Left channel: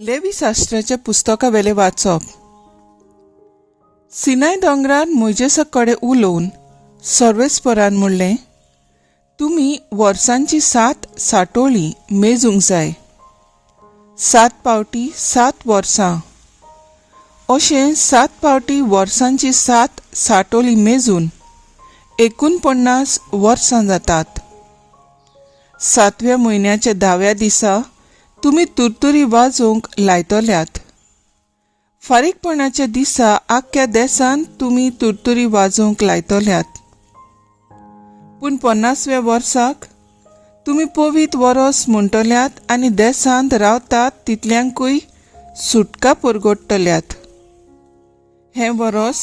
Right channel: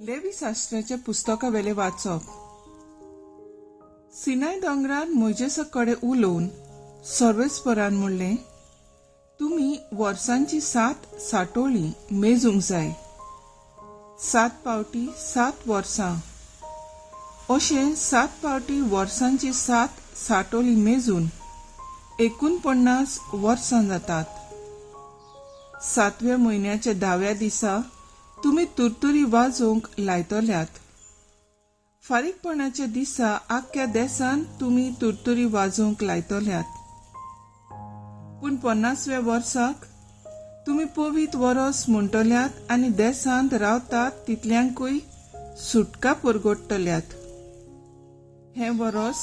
लेवी शास्त्राच्या पुस्तकावेले वाचप. सिनाय दोंगरार मोइजेसा कडेन उलोवन सर्वेस्परान म्हणलें, तुमी वर्सांची 7 साठोळी मेजूंक जाय. 7 पावटी 7 वर्सां अशें 7 पावटी वर्सांची 7 साठोळी मेजून 49 वर्सां जातात. 7व्या म्हयन्याच्या 10व्या दिसा तुमी तुरतुरी वाजोवंक लायतल्यात. फारीकपणाच्या दिसा आख्ख्या देशांत तुमी तुरतुरी वाजोवंक लायतल्यात. पूण 50व्या वर्साक तुमी पवित्र वरस म्हणटल्यात आनी देशांत रावतात तितल्यांकूय सुटका परगडटल्यात. हें वरस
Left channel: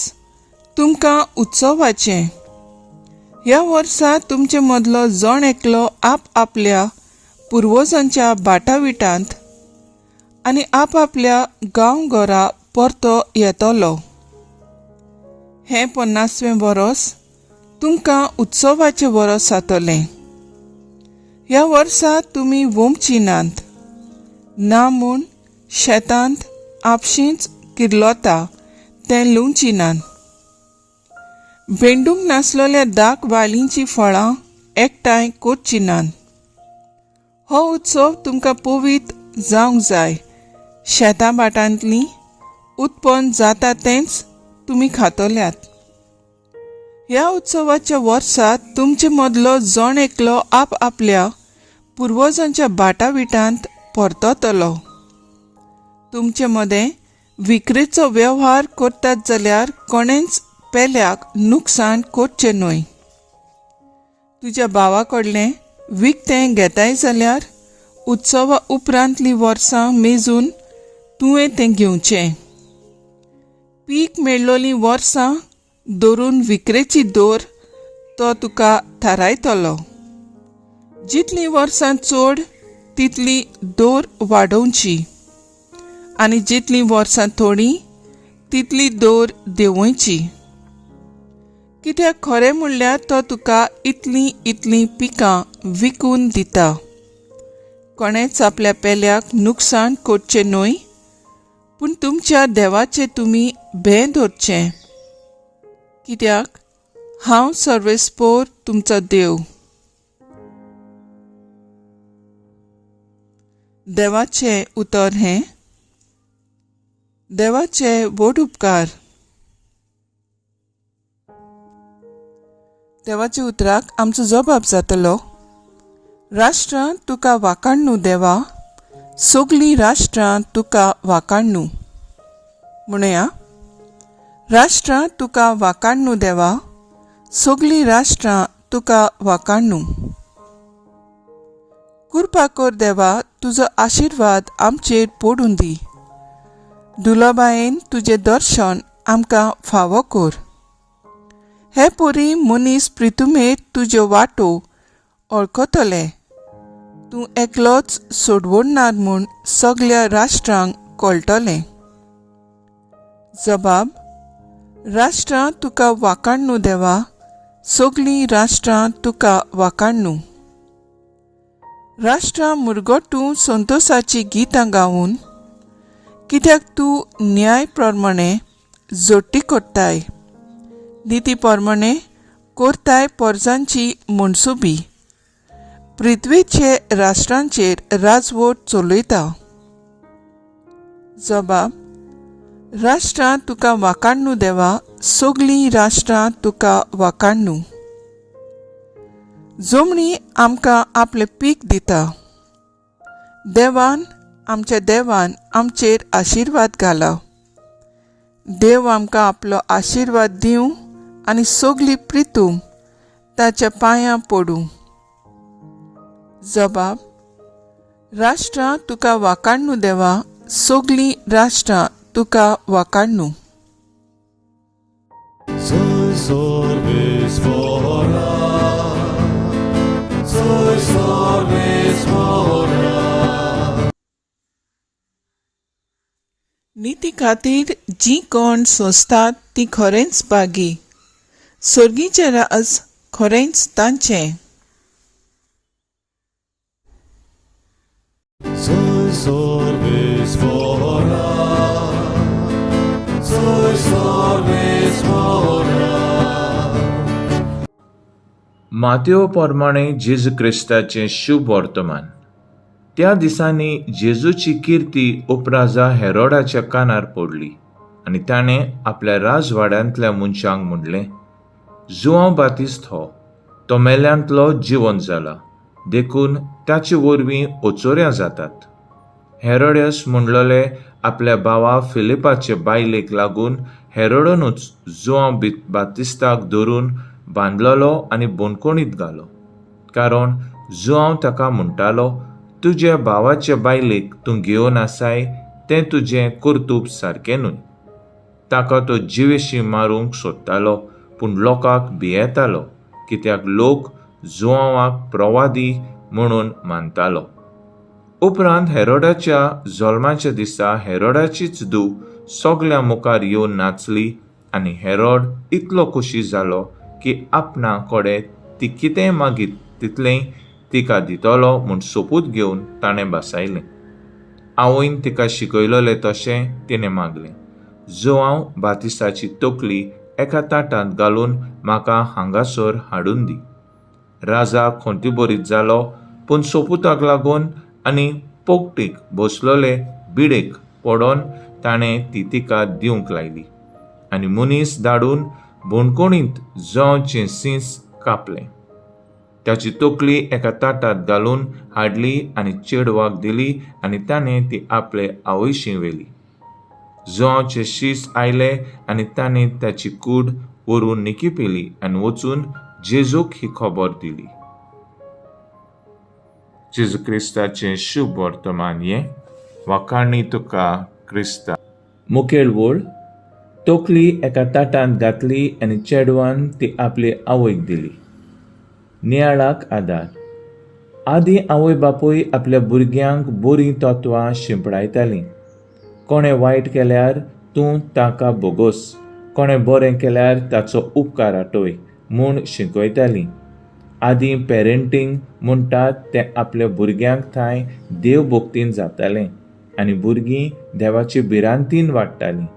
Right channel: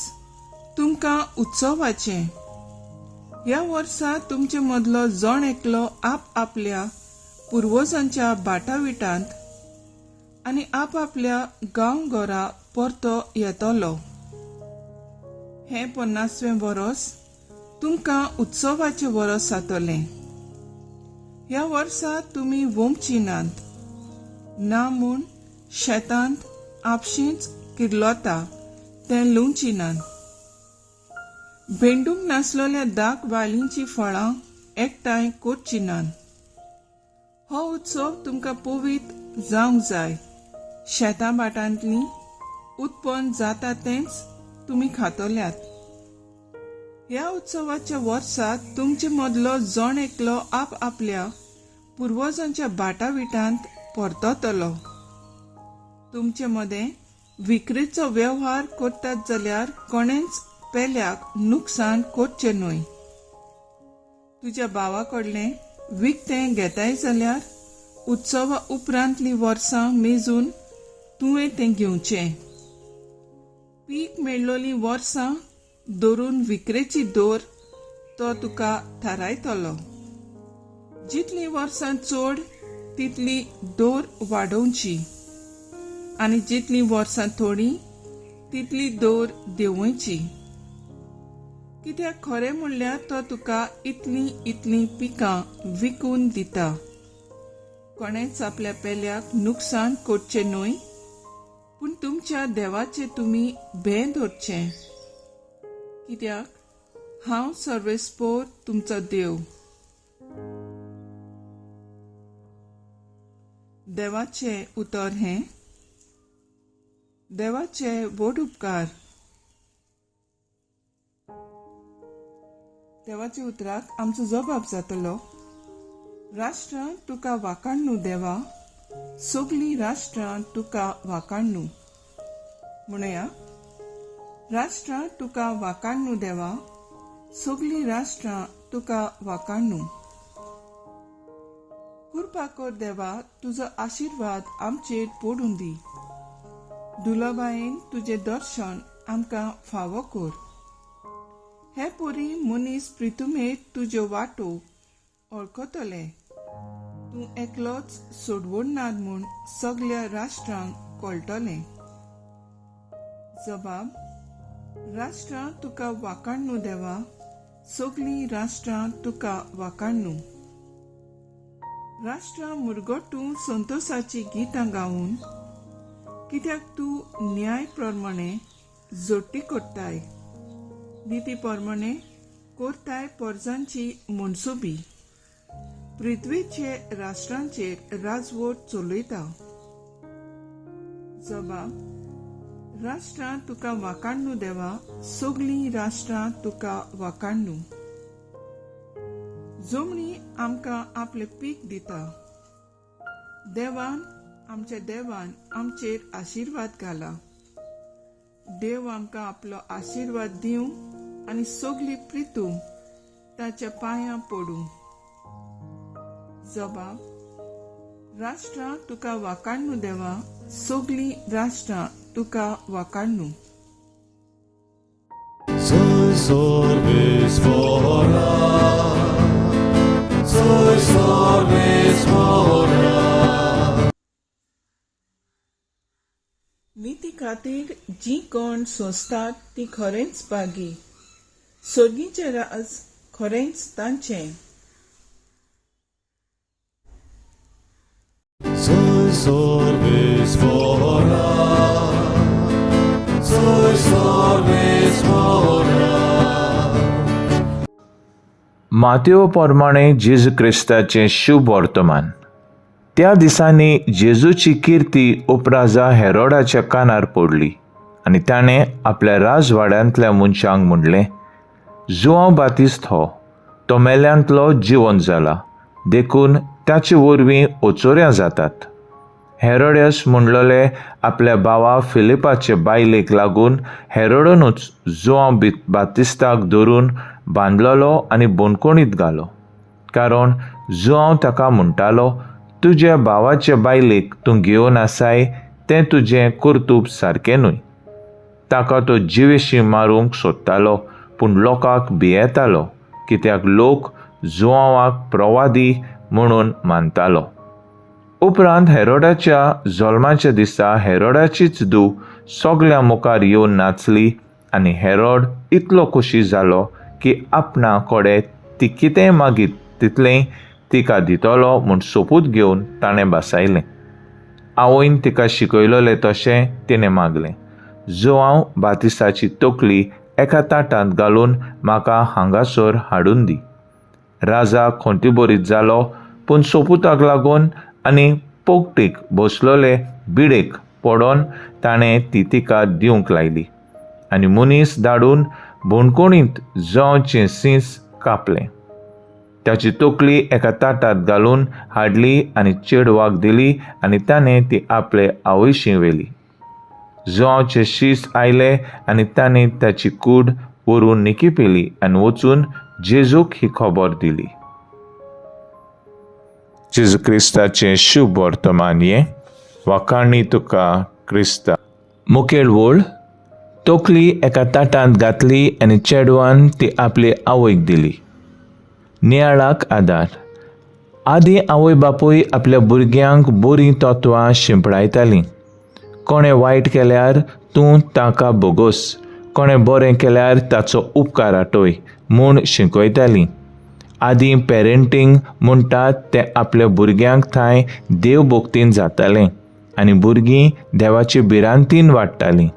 तुमकां उत्सवाचें. ह्या वर्सा तुमचे मदलो जण एकलो आपल्या पुर्वजांच्या बाटाविटांत आनी आपल्या गांवघरा परतो येतलो. हें 50वें वरस तुमकां उत्सवाचें वरस जातलें. ह्या वर्सा तुमी वोमची नात, ना म्हूण शेतांत आपशींच किर्लोता तें लुंवची नात. भेंडूंक नासलेल्या दाक वालींची फळां एकठांय करची नात. हो उत्सव तुमकां पवित्र जावंक जाय. शेतां बाटांतलीं उत्पन्न जाता तेंच तुमी खातल्यात. ह्या उत्सवाच्या वर्सात तुमचे मदलो जण एकलो आपल्या पुर्वजांच्या बाटाविटांत परततलो. तुमचे मदें विक्रेचो वेव्हार करतात जाल्यार कोणेंच पेल्याक नुकसाण करचें न्हय. तुज्या भावा कडलें विकतें घेताय जाल्यार उत्सवा उपरांतलीं वर्सां मेजून तुवें तें घेवचें. पीक मेळ्ळोलीं वर्सां धरून विक्रेची दर तो तुका थारायतलो. जितलीं वर्सां चड तितली दर वाडोवची आनी जितलीं वर्सां थोडीं तितली दर देंवोवची. कित्याक खरें म्हणल्यार तो तुका इतलीं पिकां विकून दिता. कोणेच आपल्या पेल्याक नुकसाण करचें न्हय, पूण तुमच्या देवाचें तुमी भें धरचें. कित्याक हांव सर्वेस्पोर तुमचो देव. देवाचें उतर हें. देवाचे व्हड उपकार. देवाच्या उतराक आमचो जबाब जातलो, राष्ट्रां तुका वाखाणू देवा, सगलीं राष्ट्रां तुका वाखाणू. म्हणया, राष्ट्रां तुका वाखाणू देवा, सगलीं राष्ट्रां तुका वाखाणू. कृपा कर देवा, तुजो आशिर्वाद आमचेर पडून दी. दुलाबायेन तुजें दर्शन आमकां फावो कर. हे पोरी मनीस प्रितुमेर तुज्यो वाटो वळखतले. तूं एकलोच सोडवडनार म्हूण सगळ्या राष्ट्रांक कळटलें. जबाब, राष्ट्रां तुका वाखाणू देवा, सगलीं राष्ट्रां तुका वाखाणू. राष्ट्रां मुरगोटूं संतोशाची गितां गावून, कित्याक तूं न्याय प्रमाणे जोडटी करताय. निती प्रमाणे करताय परजांची मनसुबी. पृथ्वीचे राष्ट्रांचेर राजवट चलयता. जबाब, राष्ट्रां तुका वाखाणू देवा, सगलीं राष्ट्रां तुका वाखाणू. जमणी आमकां आपलें पीक दिता. देवान आमचेर आशिर्वाद घाला. देव आमकां आपलो आशिर्वाद दिवं आनी सगली प्रितूम ताच्या पांयां पडूं. जबाब, राष्ट्रां तुका वाखाणू देवा, सगलीं राष्ट्रां तुका वाखाणू. निती खातीर जी कोण सोंसतात ती खरेंच बागी. सर्गीचें राज खरेंच तांचें. Sois fora, sois fora. मातेव प्रमाणे जेजू क्रिस्ताचें शुभ वर्तमान. त्या दिसांनी जेजूची किर्ती उपराजा हेरोडाच्या कानार पडली आनी ताणें आपल्या राजवाड्यांतल्या मनशांक म्हणलें, जुआंव बातिस्त हो तो मेल्यांतलो जिवंत जाला, देखून ताचे वरवीं ओचोऱ्यां जातात. हेरोडेस म्हणलोले आपल्या भावा फिलिपाचे बायलेक लागून हेरोडोनूच जुआंव बातिस्ताक धरून बांदलोलो आनी बोनकोणींत घालो. कारण जुआंव ताका म्हणटालो, तुज्या भावाचे बायलेक तूं घेवन आसाय तें तुजें कर्तूब सारकें न्हय. ताका तो जिवेशी मारूंक सोदतालो, पूण लोकांक भियेतालो, कित्याक लोक जुआंवाक प्रवादी म्हणून मानतालो. उपरांत हेरोडाच्या जल्माच्या दिसा हेरोडाचीच धूव सगळ्या मुखार येवन नाचली आनी हेरोड इतलो खोशी जालो की आपणा कोडे ती कितें मागीत तितलें तिका दितलो म्हूण सोपूत घेवन ताणें बसयलें. आवयन तिका शिकयलोलें तशें तिणें मागलें. जुआंव बातिस्ताची तकली एका ताटांत घालून म्हाका हांगासर हाडून दी. राजा खोंतीभरीत जालो, पूण सोपुताक लागून आनी पोगटीक बसलोले बिडेक पडोन ताणें ती तिका दिवंक लायली आनी मनीस धाडून बोनकोणींत जवचें सीस कापलें. ताची तकली एका ताटांत घालून हाडली आनी चेडवाक दिली आनी ताणें ती आपले आवयशी व्हेली. जवचें शीस आयलें आनी ताणें ताची कूड व्हरून निकिपिली आनी वचून जेजूक ही खबर दिली. जेजू क्रिस्ताचें शुभ वर्तमान हें वाखाणी तुका क्रिस्ता. मुखेल वळ. तकली एका ताटांत घातली आनी चेडवान ती आपले आवयक दिली. नियाळाक आदार. आदीं आवय बापूय आपल्या भुरग्यांक बरीं तत्वां शिंपडायतालीं. कोणें वायट केल्यार तूं ताका बोगोस, कोणें बरें केल्यार ताचो उपकार आटोय म्हूण शिकयतालीं. आदीं पेरंटींग म्हणटात तें आपल्या भुरग्यांक थंय देवभोक्तीन जातालें आनी भुरगीं देवाचे भिरांतीन वाडटालीं.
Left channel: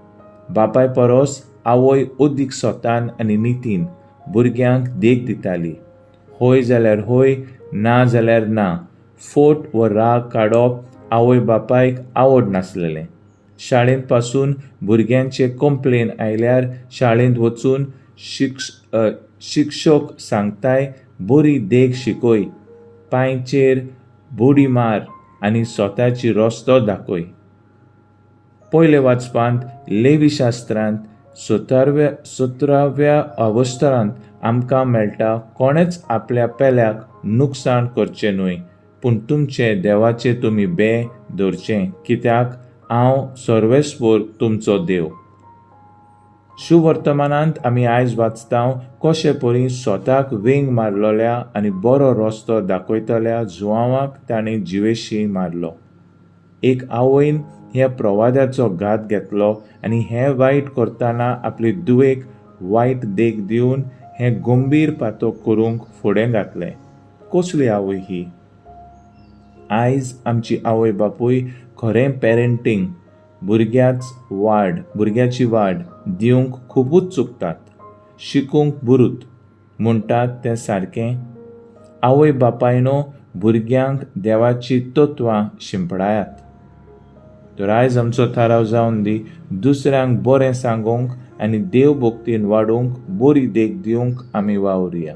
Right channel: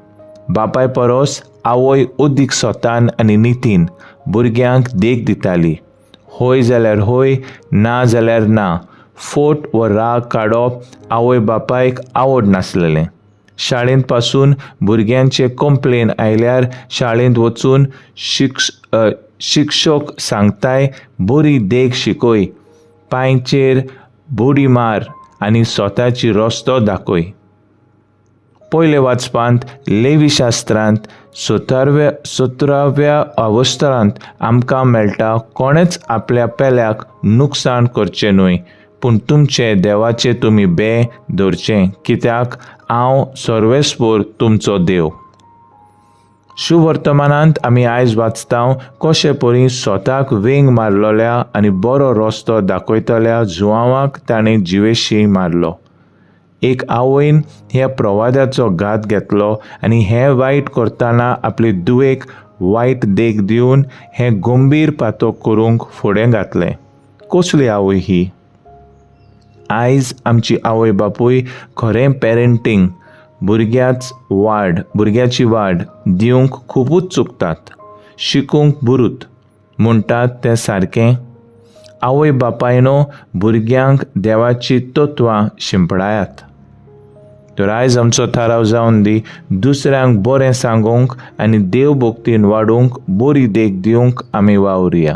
बापाय परस आवय अदीक सोतान आनी नितीन भुरग्यांक देख दिताली. होय जाल्यार होय, ना जाल्यार ना. फोट व राग काडप आवय बापायक आवड नासलेलें. शाळेंत पासून भुरग्यांचे कंप्लेन आयल्यार शाळेंत वचून शिक्षक सांगताय, बरी देख शिकय, पांयचेर बुडी मार आनी स्वताची रस्तो दाखय. पयले वाचपांत लेवी शास्त्रांत 17व्या अवस्थरांत आमकां मेळटा, कोणेच आपल्या पेल्याक नुकसाण करचें न्हय, पूण तुमचें देवाचें तुमी भे दवरचें, कित्याक हांव सर्वेस्पोर तुमचो देव. शुभ वर्तमानांत आमी आयज वाचतांव कशे परी स्वताक वेंग मारलोल्या आनी बरो रस्तो दाखयतल्या जुआंवाक ताणें जिवेशी मारलो. एक आवयन ह्या प्रवाद्याचो घात घेतलो आनी हें वायट करतना आपली दुवेक वायट देख दिवन हें गंभीर पातक करूंक फुडें घातलें. कसली आवय ही? आयज आमची आवय बापूय खरें पेरंटींग भुरग्याची वाड दिवंक खुबूच चुकतात. शिकूंक बुरूत म्हणटात तें सारकें. आवय बापायनो भुरग्यांक देवाची तत्वां शिंपडायात. तर आयज आमचो थाराव जावन दी, दुसऱ्यांक बरें सांगूंक आनी देवभोक्तीन वाडूंक बरी देख दिवंक आमी वावुरया.